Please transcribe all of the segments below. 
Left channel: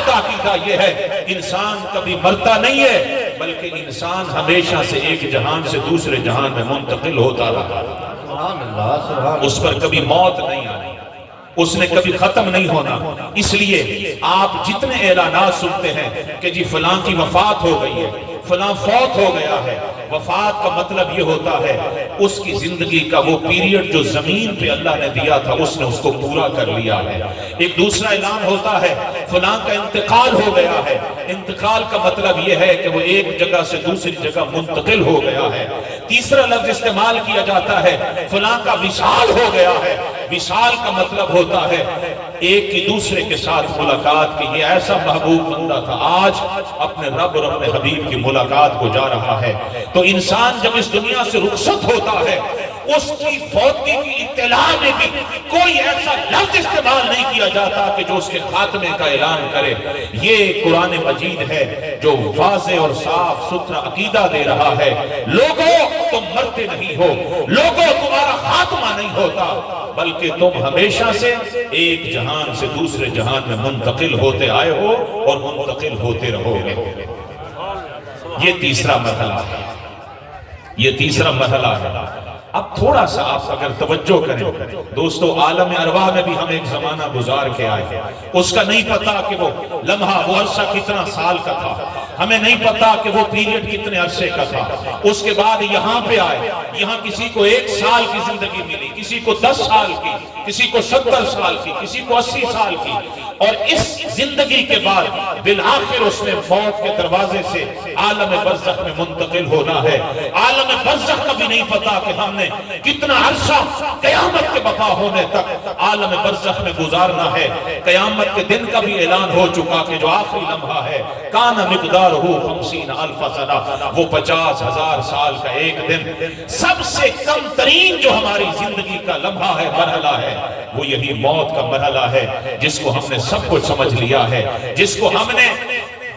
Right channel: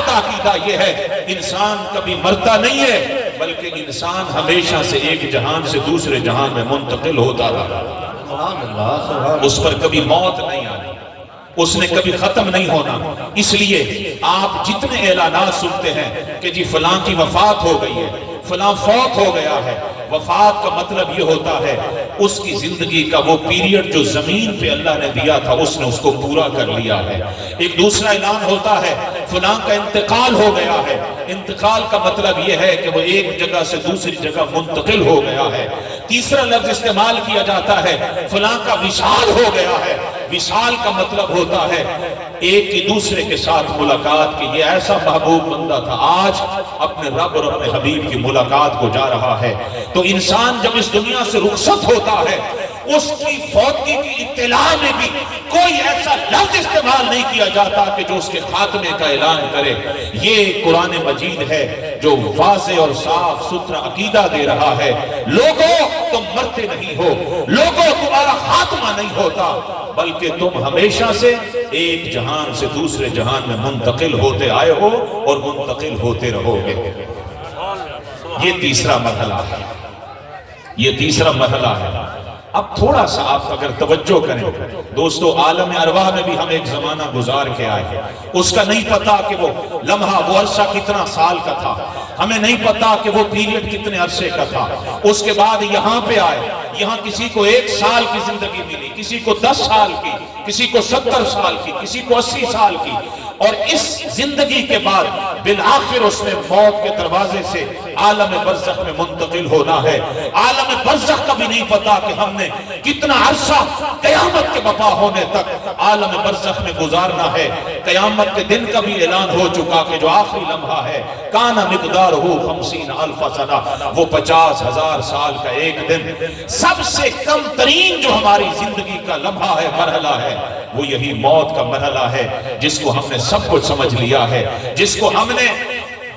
کردہ عقیدہ یہ ہے انسان کبھی مرتا نہیں ہے، بلکہ انسان ہمیشہ سے ایک جہان سے دوسرے جہان میں منتقل ہوتا رہا، اس پر کبھی موت نہیں آئی، اس نے کبھی ختم نہیں ہونا۔ اس لیے آپ جتنے اعلانات سنتے ہیں کہ جی فلاں کی وفات ہو گئی ہے، فلاں فوت ہو گیا ہے، وفات کا مطلب یہ ہوتا ہے اس کی زندگی کا وہ پیریڈ جو زمین پہ اللہ نے دیا تھا اس نے اس کو پورا کر لیا ہے۔ ایک دوسرا اعلان ہوتا ہے فلاں کا انتقال ہو گیا ہے، انتقال کا مطلب یہ ہے کہ وہ ایک جگہ سے دوسری جگہ منتقل ہو گیا ہے۔ تیسرا لفظ استعمال کیا جاتا ہے فلاں کا وصال ہو گیا ہے، وصال کا مطلب ہوتا ہے ایک کی دوسرے کے ساتھ ملاقات کی۔ یہ ایسا محبوب بندہ تھا، آج اپنے رب اور اپنے حبیب کی ملاقات کو جا رہا ہے۔ تو انسان جب اس دنیا سے رخصت ہوتا ہے اس کی فوتگی کی اطلاع میں بھی کوئی ایسا لفظ استعمال نہیں کیا جاتا کہ جو اس کے خاتمے کا اعلان کرے۔ یہ قرآن مجید ہے جو واضح اور صاف ستھرا عقیدہ دے رہا ہے لوگوں تم مرتے نہیں ہو، لوگوں تمہارا خاتمہ نہیں ہوتا، بلکہ تم ہمیشہ سے ایک جہان سے دوسرے جہان میں منتقل ہوتے آئے ہو اور منتقل ہوتے رہو گے۔ یہ تیسرا مرحلہ ہے، یہ تیسرا مرحلہ ہے۔ اب تھوڑا سا آپ اگر توجہ کریں دوستو، عالم ارواح میں بھی ہم ایک زمانہ گزار کے آئے ہیں، اس کا نہیں پتا کہ وہ لمحہ وہ عرصہ کتنا سال کا تھا، ہمیں نہیں پتا کہ وہ پیریڈ کتنے عرصے کا تھا۔ اس کے بعد یہاں پہ آئے، یہاں کسی کو 1 سال کی زندگی ملی، کسی کو 10 سال کی، کسی کو 70 سال کی، کسی کو 80 سال کی، اور اس زندگی کے بعد بالآخر اس نے موت کے دروازے سے عالم برزخ میں منتقل ہونا ہے۔ عالم برزخ کا بھی نہیں پتا کہ ہم نے کتنا عرصہ قیامت کے بقا ہونے تک عالم برزخ میں گزارنا ہے۔ قیامت کے دن کا بھی اعلان ہو چکا کہ جو آخری لمحہ ہے کان مقدارہ 50,000 سنہ، وہ 50,000 سال کا ایک دن۔ سب سے کم ترین جو ہماری زندگی کا لمحہ ہے، مرحلہ ہے، وہ یہی موت کا مرحلہ ہے، جس کو ہم نے سب کچھ سمجھ لیا ہے، جس کو ہم نے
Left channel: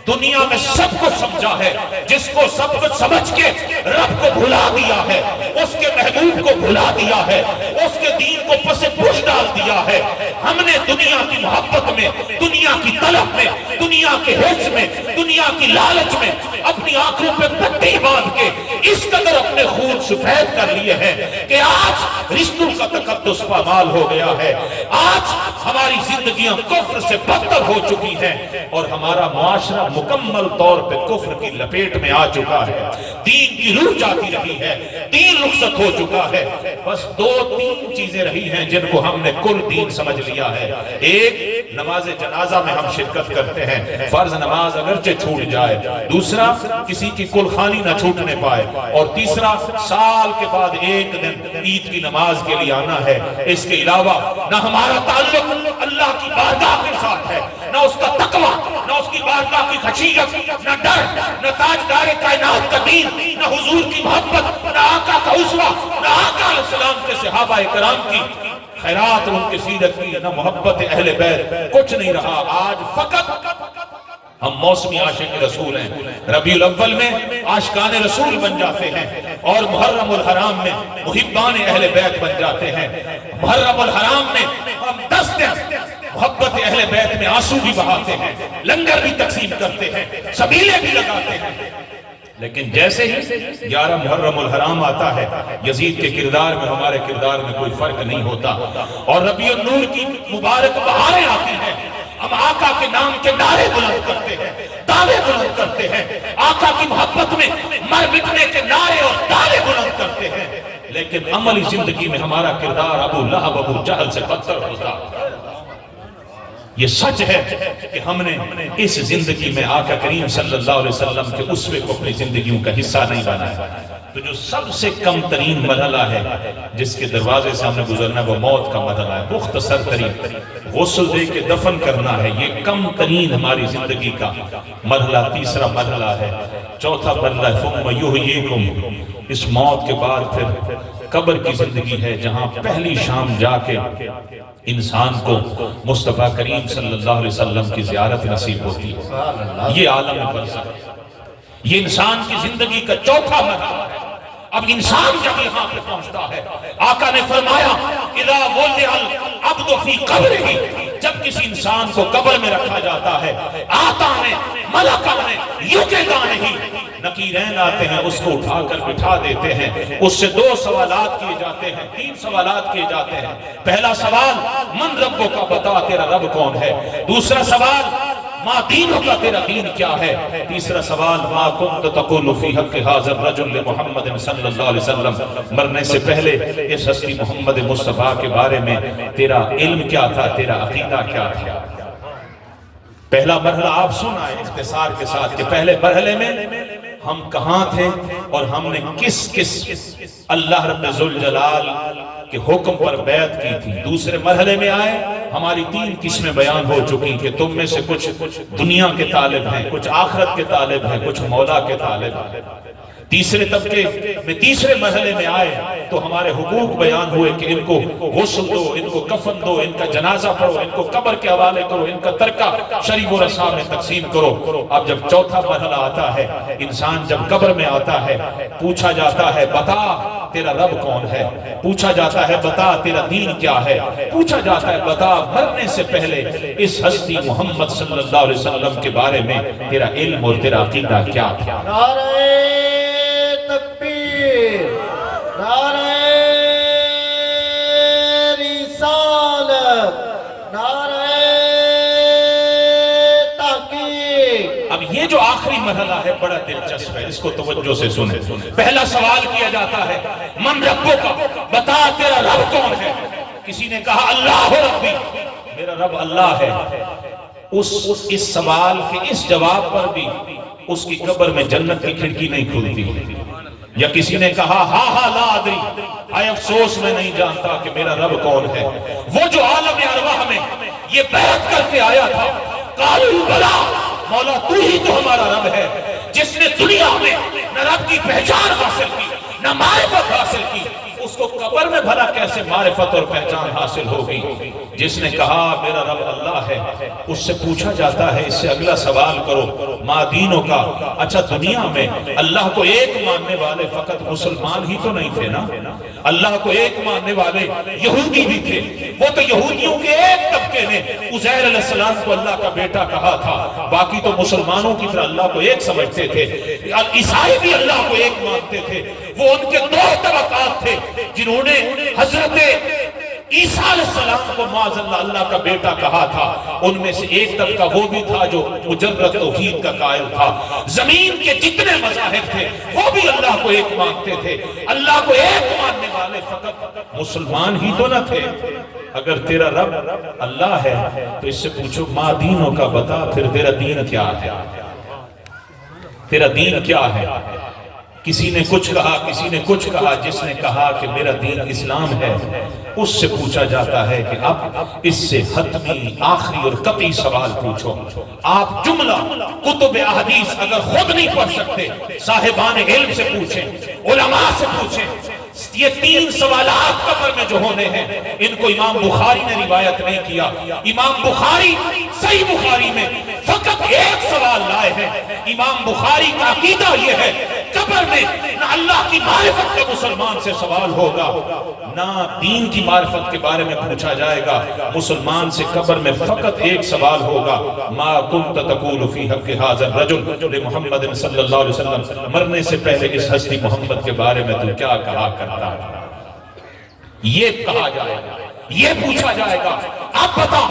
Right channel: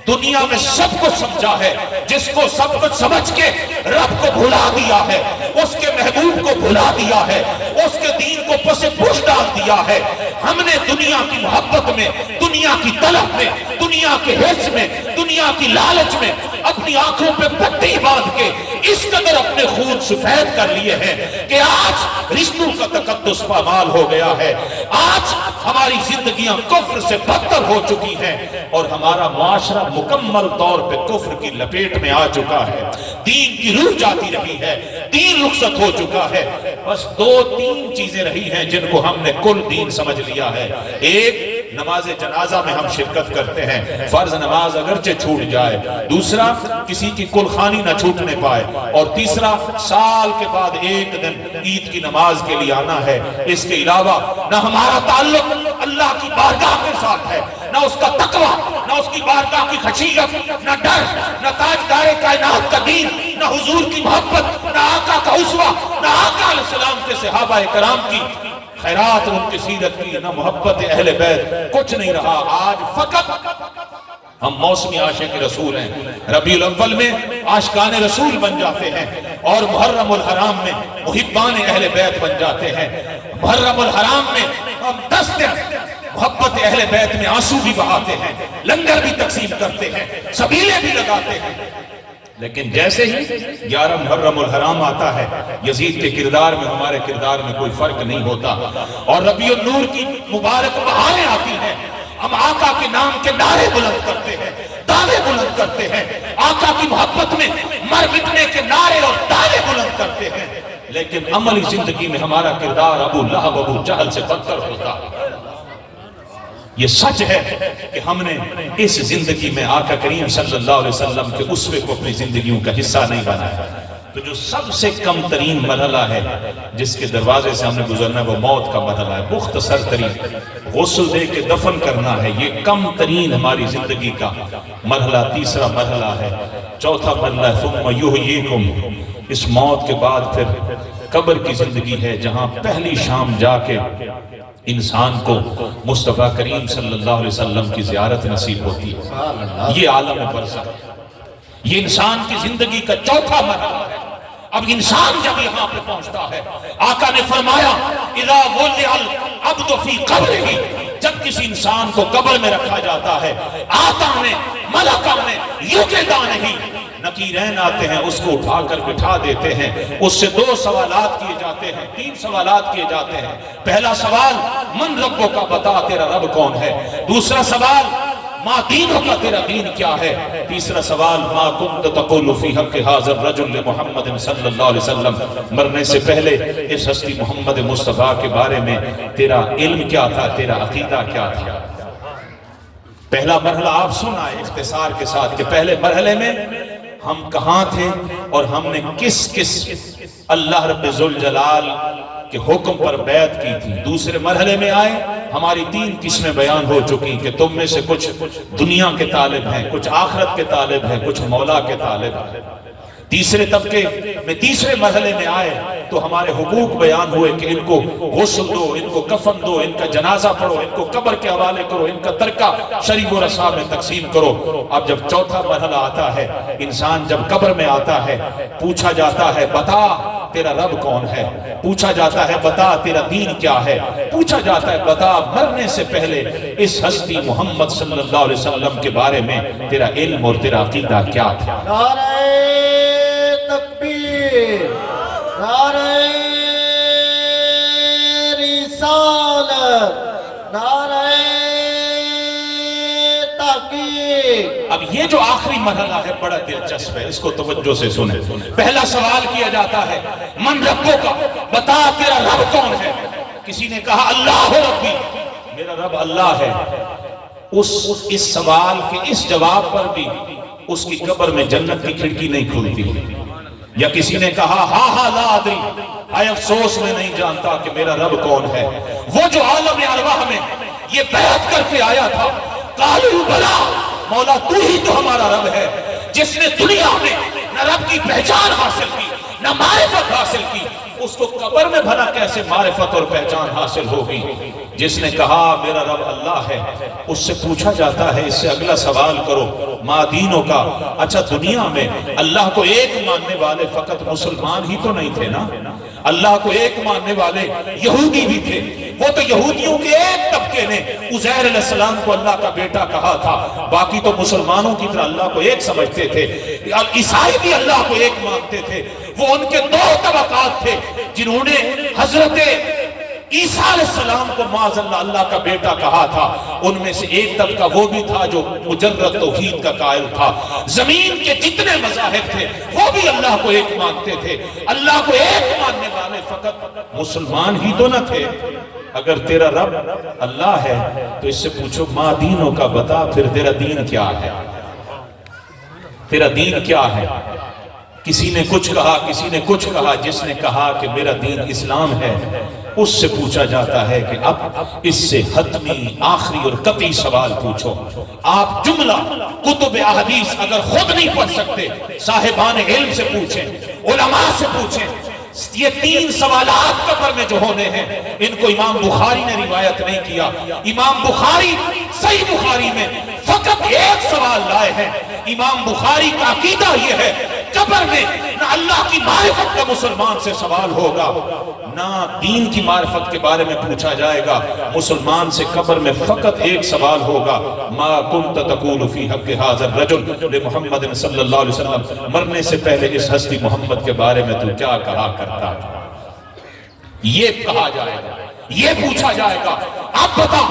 دنیا میں سب کچھ سمجھا ہے، جس کو سب کچھ سمجھ کے رب کو بھلا دیا ہے، اس کے محبوب کو بھلا دیا ہے، اس کے دین کو پس پوش ڈال دیا ہے۔ ہم نے دنیا کی محبت میں، دنیا کی طلب میں، دنیا کے حرص میں، دنیا کی لالچ میں اپنی آنکھوں پہ پٹی باندھ کے اس قدر اپنے خون سفید کر لیے ہیں کہ آج رشتوں کا تقدس پامال ہو گیا ہے، آج ہماری زندگیاں کفر سے بدتر ہو چکی ہیں، اور ہمارا معاشرہ مکمل طور پہ کفر کی لپیٹ میں آ چکا ہے۔ دین کی روح جاتی رہی ہے، دین رخصت ہو چکا ہے۔ بس 2-3 چیزیں رہی ہیں جن کو ہم نے کل دین سمجھ لیا ہے۔ ایک، نماز جنازہ میں ہم شرکت کرتے ہیں، فرض نماز اگرچہ چھوٹ جائے۔ دوسرا، کسی کی کل خوانی نہ چھوٹنے پائے۔ اور تیسرا، سال کے بعد ایک دن عید کی نماز کے لیے آنا ہے۔ اس کے علاوہ نہ ہمارا تعلق اللہ کی بارگاہ کے ساتھ ہے، نہ اس کا تقوی، نہ اس کی بارگاہ کی خشیت، نہ ڈر، نہ تاجدار کائنات کا دین، نہ حضور کی محبت، نہ آقا کا اسوہ، نہ آقا علیہ السلام کے صحابہ کرام کی خیرات اور ان کی سیرت کی، نہ محبت اہل بیت، کچھ نہیں رہا۔ آج فقط ہم موسمی عاشق رسول ہیں، ربیع الاول میں عاشقان رسول بن جاتے ہیں، اور محرم الحرام میں محبان اہل بیت بن جاتے ہیں۔ محرم الحرام میں ہم 10 دن محبت اہل بیت میں آنسو بھی بہاتے ہیں، لنگر بھی تقسیم کرتے ہیں، سبیلے بھی لگاتے ہیں۔ لیکن جیسے ہی 11 محرم الحرام آتا ہے، یزید کے کردار میں ہمارے کردار میں کوئی فرق نہیں ہوتا، اور ربیع النور کی مبارک بہاریں آتی ہیں، ہم آقا کے نام کے نعرے بلند کرتے ہیں، دعوے بلند کرتے ہیں، آقا کی محبت میں مر مٹنے کے نعرے اور دعوے بلند کرتے ہیں، لیکن عملی زندگی میں ہمارا کردار ابو لہب ابو جہل سے بدتر ہوتا۔ یہ سچ ہے کہ ہم نے اس زندگی میں آقا کریم صلی اللہ علیہ وسلم کے اسوے کو اپنی زندگیوں کا حصہ نہیں بنایا۔ تو جو سب سے کم ترین مرحلہ ہے جس کے دروازے سے ہم نے گزرنا، وہ موت کا مرحلہ ہے۔ مختصر ترین غسل دے کے دفن کرنا ہے، یہ کم ترین ہماری زندگی کا مرحلہ۔ تیسرا مرحلہ ہے، چوتھا مرحلہ ثم یحییکم، اس موت کے بعد پھر قبر کی زندگی ہے، جہاں پہلی شام جا کے انسان کو مصطفیٰ کریم صلی اللہ علیہ وسلم کی زیارت نصیب ہوتی ہے۔ یہ عالم برزخ، یہ انسان کی زندگی کا چوتھا مرحلہ ہے۔ اب انسان جب یہاں پہ پہنچتا ہے، آقا نے فرمایا اذا وضع العبد فی قبرہ، جب کسی انسان کو قبر میں رکھا جاتا ہے، آتانے ملکانے یوکیدانے ہی نکیرین آتے ہیں، اس کو اٹھا کر بٹھا دیتے ہیں، اس سے 2 سوالات کیے جاتے ہیں، 3 سوالات کیے جاتے ہیں۔ پہلا سوال من ربو کا، بتا تیرا رب کون ہے۔ دوسرا سوال ما دینوں کا، تیرا دین کیا ہے۔ تیسرا سوال ما کنت تقول فی حق ھذا الرجل محمد صلی اللہ علیہ وسلم، مرنے سے پہلے اس ہستی محمد مصطفیٰ کے بارے میں تیرا علم کیا تھا، تیرا عقیدہ کیا تھا۔ پہلا مرحلہ آپ سنائیں اختصار کے ساتھ کہ پہلے مرحلے میں ہم کہاں تھے اور ہم نے کس اللہ رب ذوالجلال کے حکم پر بیعت کی تھی۔ دوسرے مرحلے میں آئے، ہماری 3 قسمیں بیان ہو چکی کہ تم میں سے کچھ دنیا کے طالب ہیں، کچھ آخرت کے طالب ہیں، کچھ مولا کے طالب ہیں۔ تیسرے طبقے میں تیسرے مرحلے میں آئے تو ہمارے حقوق بیان ہوئے کہ ان کو غسل دو، ان کو کفن دو، ان کا جنازہ پڑھو، ان کو قبر کے حوالے کرو، ان کا ترکہ شریف و رسا میں تقسیم کرو۔ اب جب چوتھا مرحلہ آتا ہے، انسان جب قبر میں آتا ہے، پوچھا جاتا ہے بتا تیرا رب کون ہے، پوچھا جاتا ہے بتا تیرا دین کیا ہے، پوچھا جاتا ہے بتا مرنے سے پہلے اس ہستی محمد صلی اللہ علیہ وسلم کے بارے میں تیرا علم اور تیرا عقیدہ کیا تھا۔ نعرہ تکبیر، نعرہ رسالت، نعرہ تحقیق۔ اب یہ جو آخری مرحلہ ہے بڑا دلچسپ ہے، اس کو توجہ سے سنیں۔ پہلا سوال کیا جاتا ہے من ربو کا، بتا تیرا رب کون ہے۔ کسی نے کہا اللہ ربی، میرا رب اللہ ہے۔ اس سوال کے اس جواب پر بھی اس کی قبر میں جنت کی کھڑکی نہیں کھلتی۔ یا کسی نے کہا ہاں لا ادری، آئے افسوس میں نہیں جانتا کہ میرا رب کون ہے۔ وہ جو عالم ارواح میں یہ بیعت کر کے آیا تھا، قالوا بلا، مولا تو ہی تو ہمارا رب ہے، جس نے دنیا میں نہ رب کی پہچان حاصل کی نہ معرفت حاصل کی، اس کو قبر میں بھلا کیسے معرفت اور پہچان حاصل ہوگی۔ جس نے کہا میرا رب اللہ ہے، اس سے پوچھا جاتا ہے اس سے اگلا سوال کرو ما دینوں کا، اچھا دنیا میں اللہ کو ایک ماننے والے فقط مسلمان ہی تو نہیں تھے نا، اللہ کو ایک ماننے والے یہودی بھی تھے۔ وہ تو یہودیوں کے ایک طبقے نے عزیر علیہ السلام کو اللہ کا بیٹا کہا تھا، باقی تو مسلمانوں کی طرح اللہ کو ایک سمجھتے تھے۔ عیسائی بھی اللہ کو ایک مانتے تھے۔ وہ ان کے 2 طبقات تھے جنہوں نے حضرت عیسیٰ علیہ السلام کو معاذ اللہ اللہ کا بیٹا کہا تھا۔ ان میں سے ایک طبقہ وہ بھی تھا جو مجرد توحید کا قائل تھا۔ زمین کے جتنے مذاہب تھے وہ بھی اللہ کو ایک مانتے تھے۔ اللہ کو ایک ماننے والے فقط مسلمان ہی تو نہ تھے۔ اگر تیرا رب اللہ ہے تو اس سے پوچھو ما دینوں کا، بتا پھر تیرا دین کیا ہے، تیرا دین کیا ہے۔ کسی نے کچھ کہا، کسی نے کچھ کہا۔ جس نے کہا کہ میرا دین اسلام ہے، اس سے پوچھا جاتا ہے کہ اب اس سے حتمی آخری اور قطعی سوال پوچھو۔ آپ جملہ کتب احادیث اگر خود نہیں پڑھ سکتے، صاحبان علم سے پوچھیں، علماء سے پوچھیں۔ یہ 3 سوالات قبر میں جو ہونے ہیں، ان کو امام بخاری نے روایت نہیں کیا۔ امام بخاری صحیح بخاری میں فقط ایک سوال لائے ہیں۔ امام بخاری کا عقیدہ یہ ہے قبر میں نہ اللہ کی معرفت کا مسلمان سے سوال ہوگا، نہ دین کی معرفت کے بارے میں پوچھا جائے گا۔ مسلمان سے قبر میں فقط ایک سوال ہوگا ما کنت تقول فی حق ھذا الرجل محمد صلی اللہ علیہ وسلم، مرنے سے پہلے اس ہستی محمد کے بارے میں تو کیا کہا کرتا تھا۔ یہ کہا جائے گا، یہ پوچھا جائے گا اب بتا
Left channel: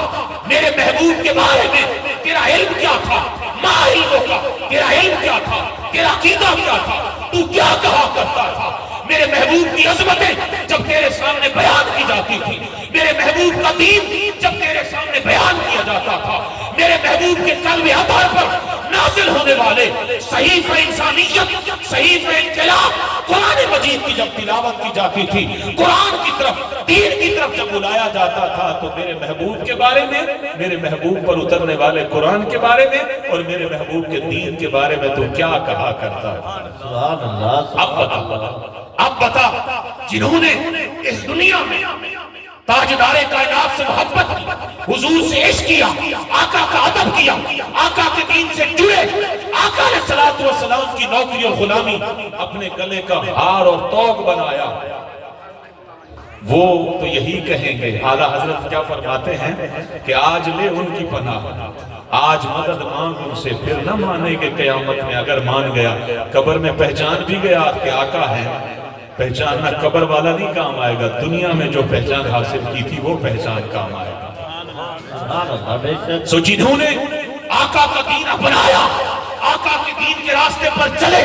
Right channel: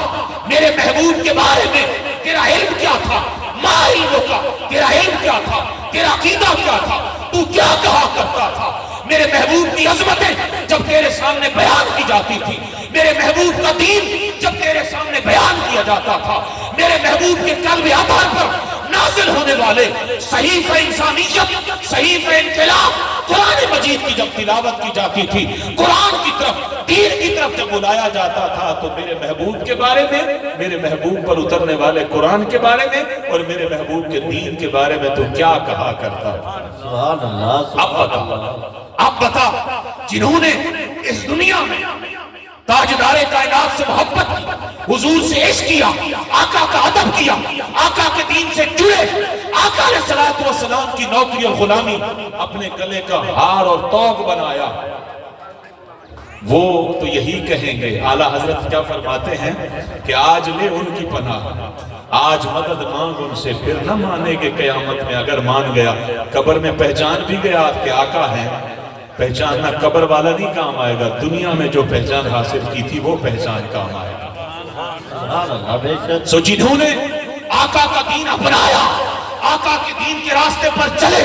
میرے محبوب کے بارے میں تیرا علم کیا تھا، ما علموں کا، تیرا علم کیا تھا، تیرا عقیدہ کیا تھا، تو کیا کہا کرتا تھا۔ میرے محبوب کی عظمتیں جب تیرے سامنے بیان کی جاتی تھی، میرے محبوب کا دین جب تیرے سامنے بیان کیا جاتا تھا، میرے محبوب کے قلب عطا پر نازل ہونے والے صحیفہ انسانیت، صحیفہ انقلاب قرآن مجید کی جب تلاوت کی جاتی تھی، قرآن کی طرف، دین کی طرف جب بلایا جاتا تھا، تو میرے محبوب کے بارے میں، میرے محبوب پر اترنے والے قرآن کے بارے میں اور میرے محبوب کے دین کے بارے میں تو کیا کہا کرتا تھا۔ سبحان اللہ۔ اب بتا جنہوں نے اس دنیا میں تاجدار کائنات سے محبت کی، حضور سے عشق کیا، آقا کا ادب کیا، آقا کے دین سے جڑے، آقا علیہ الصلوۃ والسلام کی نوکری اور غلامی اپنے گلے کا ہار اور توق بنایا، وہ تو یہی کہیں گے، اعلیٰ حضرت کیا فرماتے ہیں کہ آج لے ان کی پناہ، آج مدد مانگ ان سے، پھر نہ مانے گے قیامت میں۔ اگر مان گیا قبر میں پہچان بھی گیا آپ کے آقا ہیں، پہچاننا قبر والا نہیں کام آئے گا، دنیا میں جو پہچان حاصل کی تھی وہ پہچان کام آئے گا۔ سبحان اللہ، بے شک۔ سو جنہوں نے آقا کا دین اپنایا، آقا کے دین کے راستے پر چلے،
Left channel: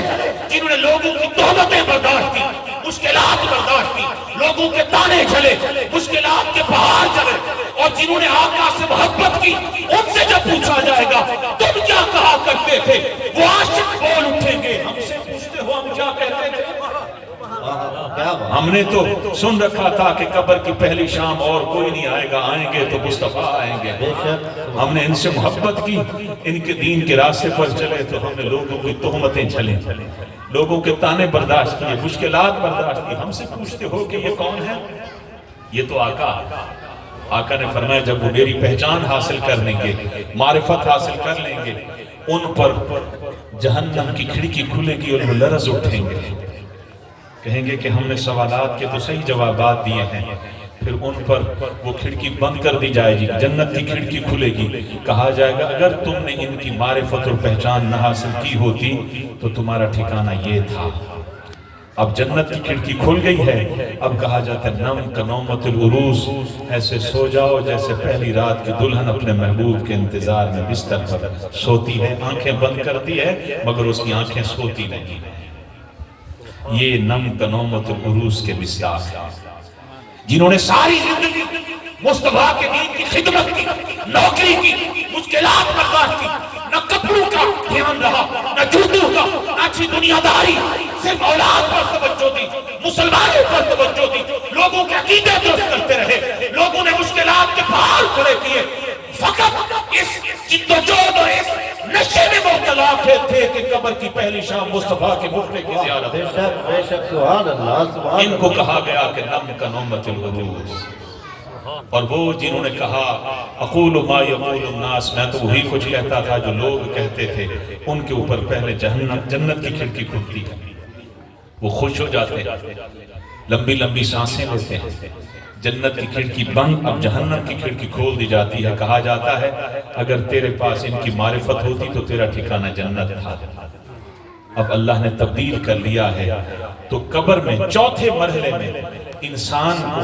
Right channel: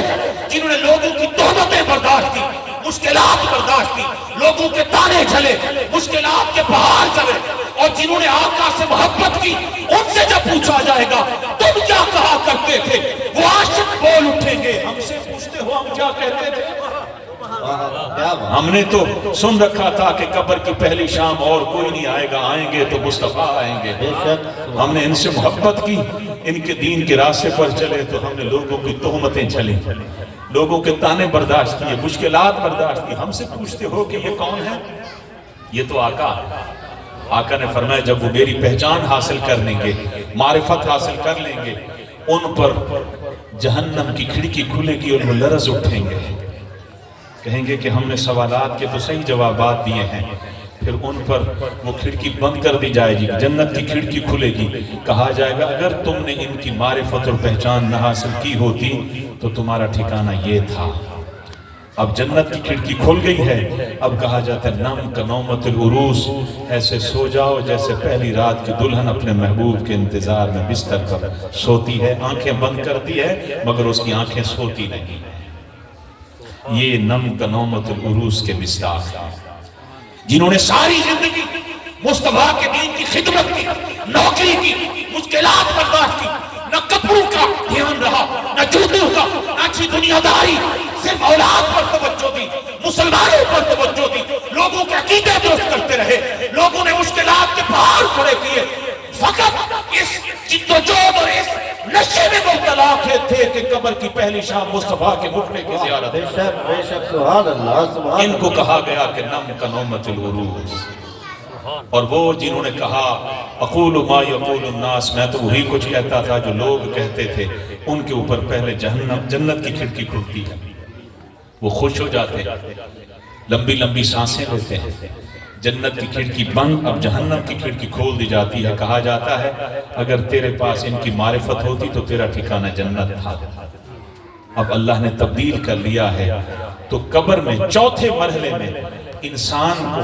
جنہوں نے لوگوں کی تہمتیں برداشت کی، مشکلات برداشت کی، لوگوں کے تانے چلے، مشکلات کے پہاڑ چلے، اور جنہوں نے آقا سے محبت کی، ان سے جب پوچھا جائے گا تم کیا کہا کرتے تھے، وہ عاشق بول اٹھیں گے، ہم سے پوچھتے ہو ہم کیا کہتے تھے؟ ہم نے تو سن رکھا تھا کہ قبر کی پہلی شام اور کوئی نہیں آئے گا، آئیں گے تو مصطفیٰ آئیں گے۔ ہم نے ان سے محبت کی، ان کے دین کے راستے پر چلے تو ہم نے لوگوں کی تہمتیں جھلیں، لوگوں کے تانے برداشت کیے، مشکلات برداشت کی۔ ہم سے پوچھتے ہو کہ یہ کون ہے؟ یہ تو آقا نے فرمایا جب وہ میری پہچان حاصل کر لیں گے، معرفت حاصل کر لیں گے، ان پر جہنم کی کھڑکی کھلے گی اور وہ لرز اٹھیں گے، کہیں گے کہ ہم نے سوالات کے تو صحیح جوابات دیے ہیں، پھر ان پر وہ کھڑکی بند کر دی جائے گی، جنت کی کھڑکی کھلے گی، کہا جائے گا اگر تم نے ان کی معرفت اور پہچان نہ حاصل کی ہوتی تو تمہارا ٹھکانہ یہ تھا۔ اب جنت کی کھڑکی کھل گئی ہے، اب کہا جاتا ہے نم کنومت العروس، ایسے سو جاؤ جیسے پہلی رات کی دلہن اپنے محبوب کے انتظار میں بستر پر سوتی ہے، آنکھیں بند کرتی ہے مگر اس کی آنکھیں سوتی نہیں۔ یہ نم کنومت العروس کے مصداق ہیں، جنہوں نے ساری زندگی مصطفیٰ کے دین کی خدمت کی، نوکری کی، مشکلات برداشت کی، نہ کپڑوں کا دھیان رہا، نہ جوتوں کا، نہ اچھی دنیا داری، صرف اولاد پر توجہ دی، مسلمانوں پر توجہ دی، لوگوں کے عقیدے درست کرتے رہے، لوگوں نے مشکلات کے پہاڑ کھڑے کیے، فقط اس جدوجہد اور اس نشے میں مبتلا تھے کہ قبر کی پہلی شام مصطفیٰ کے مقبرے کی زیارت۔ بے شک، بے شک، سبحان اللہ، سبحان ان کو کہا گیا کہ نم کنومت العروس، اور وہ جنہوں نے کہا اقول ما یقول الناس، میں تو وہی کچھ کہتا تھا جو لوگ کہتے تھے، ان کے اوپر پہلے جنت کی کھڑکی کھلتی ہے، وہ خوش ہو جاتے ہیں، لمبی لمبی سانسیں لیتے ہیں، جنت کی کھڑکی بند، اب جہنم کی کھڑکی کھول دی جاتی ہے، کہا جاتا ہے اگر تیرے پاس ان کی معرفت ہوتی تو تیرا ٹھکانہ جنت تھا، اب اللہ نے تبدیل کر لیا ہے، تو قبر میں چوتھے مرحلے میں انسان کو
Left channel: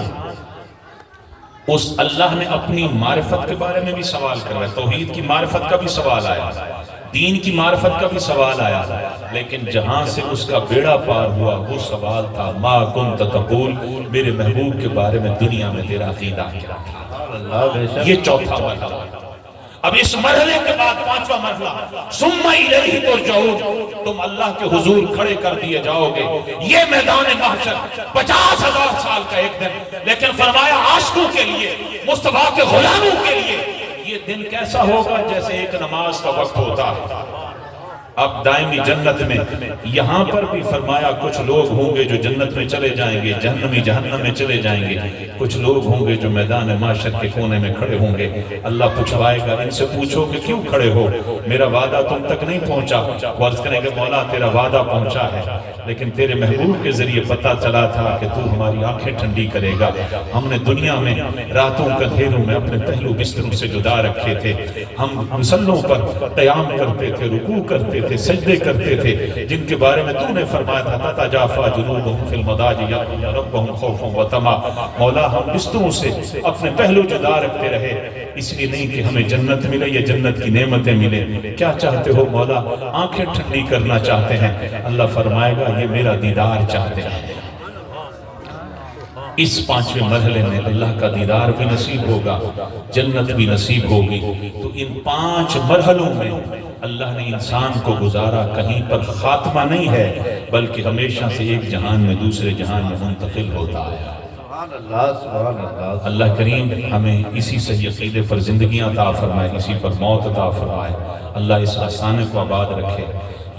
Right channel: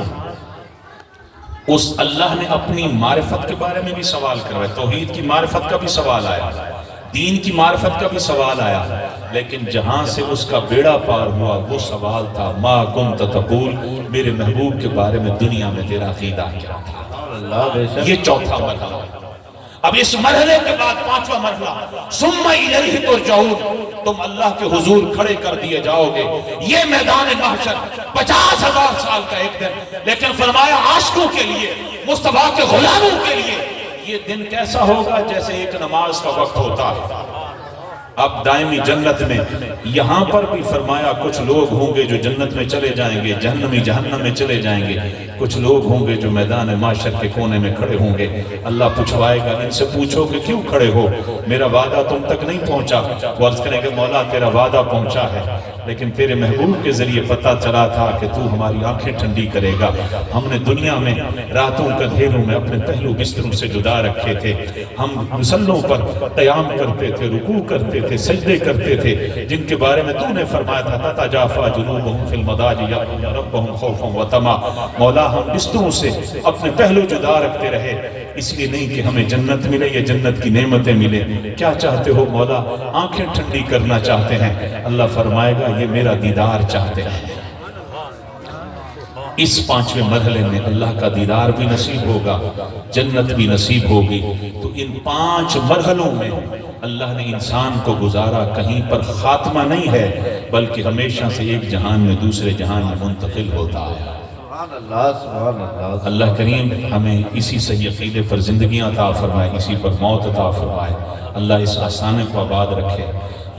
اس اللہ نے اپنی معرفت کے بارے میں بھی سوال کر رہا ہے، توحید کی معرفت کا بھی سوال آیا، دین کی معرفت کا بھی سوال آیا، لیکن جہاں سے اس کا بیڑا پار ہوا وہ سوال تھا ما کنت تقول، میرے محبوب کے بارے میں دنیا میں تیرا عقیدہ کیا تھا؟ یہ چوتھا مرحلہ۔ اب اس مرحلے کے بعد پانچواں مرحلہ ثم الیہ ترجعون، تم اللہ کے حضور کھڑے کر دیے جاؤ گے، یہ میدان محشر 50,000 سال کا ایک دن، لیکن فرمایا عاشقوں کے لیے، مصطفیٰ کے غلاموں کے لیے یہ دن کیسا ہوگا جیسے ایک نماز کا وقت ہوتا ہے۔ اب دائمی جنت میں یہاں پر بھی فرمایا کچھ لوگ ہوں گے جو جنت میں چلے جائیں گے، جہنمی جہنم میں چلے جائیں گے، کچھ لوگ ہوں گے جو میدان معاشر کے کونے میں کھڑے ہوں گے، اللہ پوچھوائے گا ان سے پوچھو کہ کیوں کھڑے ہو، میرا وعدہ تم تک نہیں پہنچا، وہ عرض کریں گے مولا تیرا وعدہ پہنچا ہے لیکن تیرے محبوب کے ذریعے پتہ چلا تھا کہ تو ہماری آنکھیں ٹھنڈی کرے گا، ہم نے دنیا میں راتوں کا دھیروں میں اپنے پہلو بستروں سے جدا رکھے تھے، ہم مسلوں پر قیام کرتے تھے، رکوع کرتے تھے، سجدے کرتے تھے، جن کے بارے میں تو نے فرمایا تھا تتجافی جنوبہم فی المضاجع یدعون ربہم خوفا وطمعا، مولا ہم بستروں سے اپنے پہلو جدا رکھتے رہے، اس لیے نہیں کہ ہمیں جنت ملے یا جنت کی نعمتیں ملے، کیا چاہتے ہو مولا؟ آنکھیں ٹھنڈی کرنا چاہتے ہیں، اللہ فرمائے گا یہ میرا دیدار چاہتے ہیں۔ اس پانچویں مرحلے میں اللہ کا دیدار بھی نصیب ہوگا، جنت بھی نصیب ہوگی، تو ان 5 مرحلوں میں اللہ نے انسان کو گزارا، کہیں پر خاتمہ نہیں ہے بلکہ ہمیشہ سے ایک جہان میں دوسرے جہان میں منتقل ہوتا ہے۔ اللہ کریم ہمیں اسی صحیح عقیدے پر زندگیاں عطا فرمائے، اسی پر موت عطا فرمائے، اللہ اس آستانے کو آباد رکھے،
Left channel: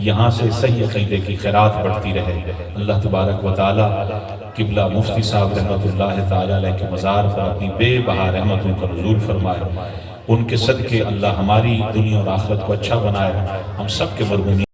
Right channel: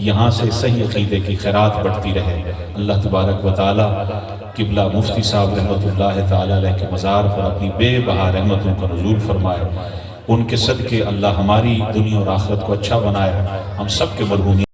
یہاں سے صحیح عقیدے کی خیرات بڑھتی رہے۔ اللہ تبارک و تعالی قبلہ مفتی صاحب رحمت اللہ تعالی علیہ کے مزار پر اپنی بے بہا رحمتوں کا نزول فرمائے، ان کے صدقے اللہ ہماری دنیا اور آخرت کو اچھا بنائے، ہم سب کے مرحومین